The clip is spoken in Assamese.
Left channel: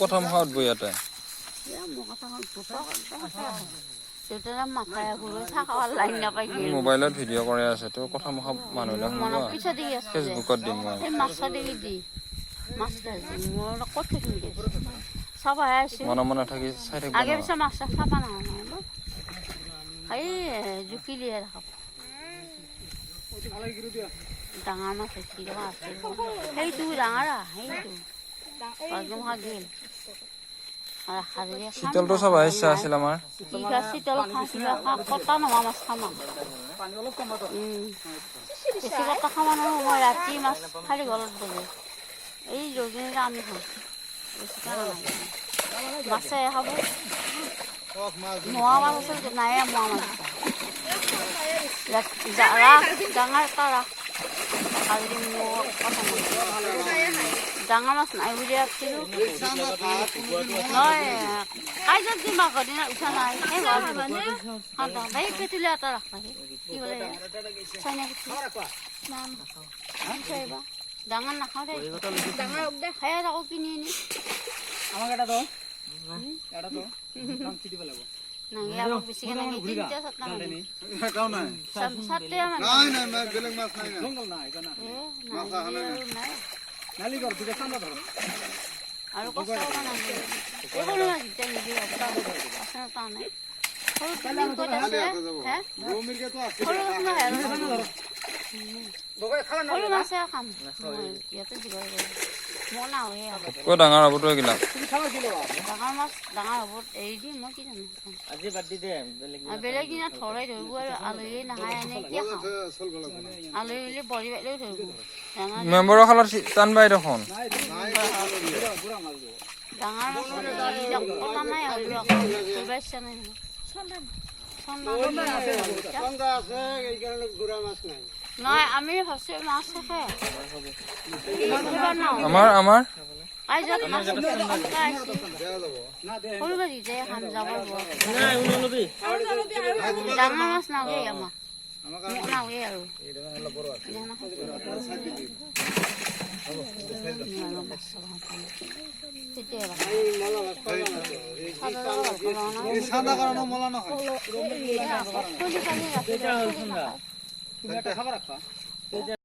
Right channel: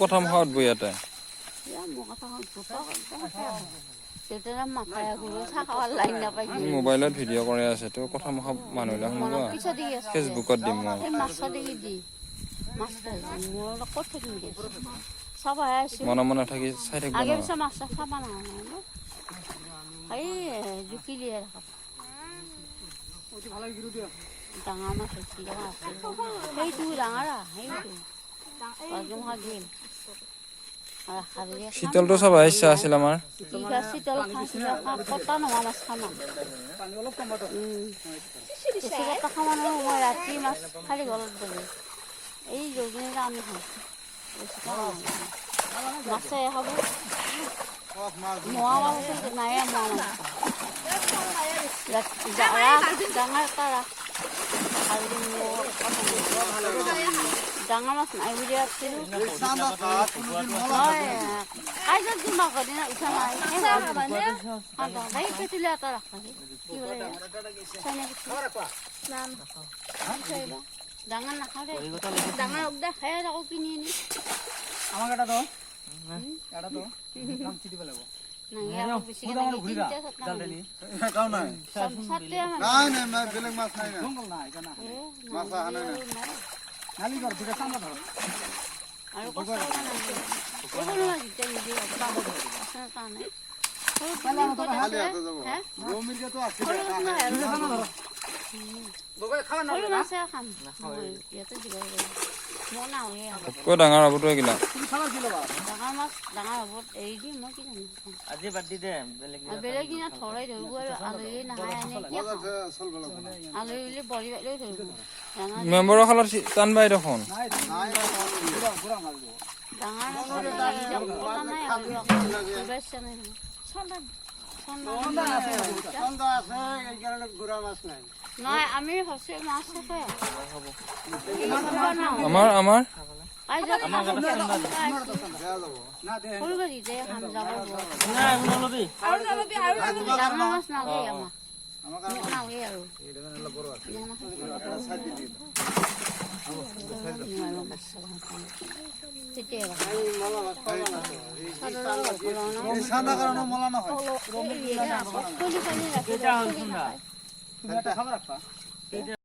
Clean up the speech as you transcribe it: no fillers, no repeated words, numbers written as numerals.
কথা মহাত বৈ ইয়াতে মোবাইলত ভিডিঅ' কৰি আছে তো কথা মহা মানুহবিলাক ফেচবুকত দিম মনে মনে থাকি চাই থাকিব ডাঙৰ মাছ সেইটো ডাঙৰ শীতলটো চাব ইচ্ছা আছিল আমাৰ শীতল কটা নোহোৱা মাছ খাম কটা খাব মই ৰাতি মাছ খালি ঘৰত বলে এই যোগিনী আমি খাওঁ মাছে খাব মোৱা মাছ আছিল নাই মোৱা মাছ ডাঙৰ কাৰা ডাঙৰ মাছ নাই বুলি আছিলো কাইজত দিম আকৌ দিনা উঠা নাই পেটুলি এটা ৰাখা কি বোলে ডাঙৰ নাখাওঁ দেই ডাঙৰ খাই আকৌ কিনি আনি আমাক এটা দো চিটিব লাগিব ডাঙৰ হ'ব তই গিলা ডাঙৰ মাছ ডাঙৰ হ'ব এৰি দিম মই কি জানো আজি বাদ দি দে বেলেগ দিনা থৰাই ধৰিব আৰু আলহী নাখায় আলহী বৰি বাইলেও ধৰিব মেম্বৰৰ খালত টানবাই দেখোন নাই আমি ভাবছি মাছ থাকে আমাৰ আমাৰ মাছ নাগে আমাৰ নাগে আৰু খাবাৰ ৰাখবা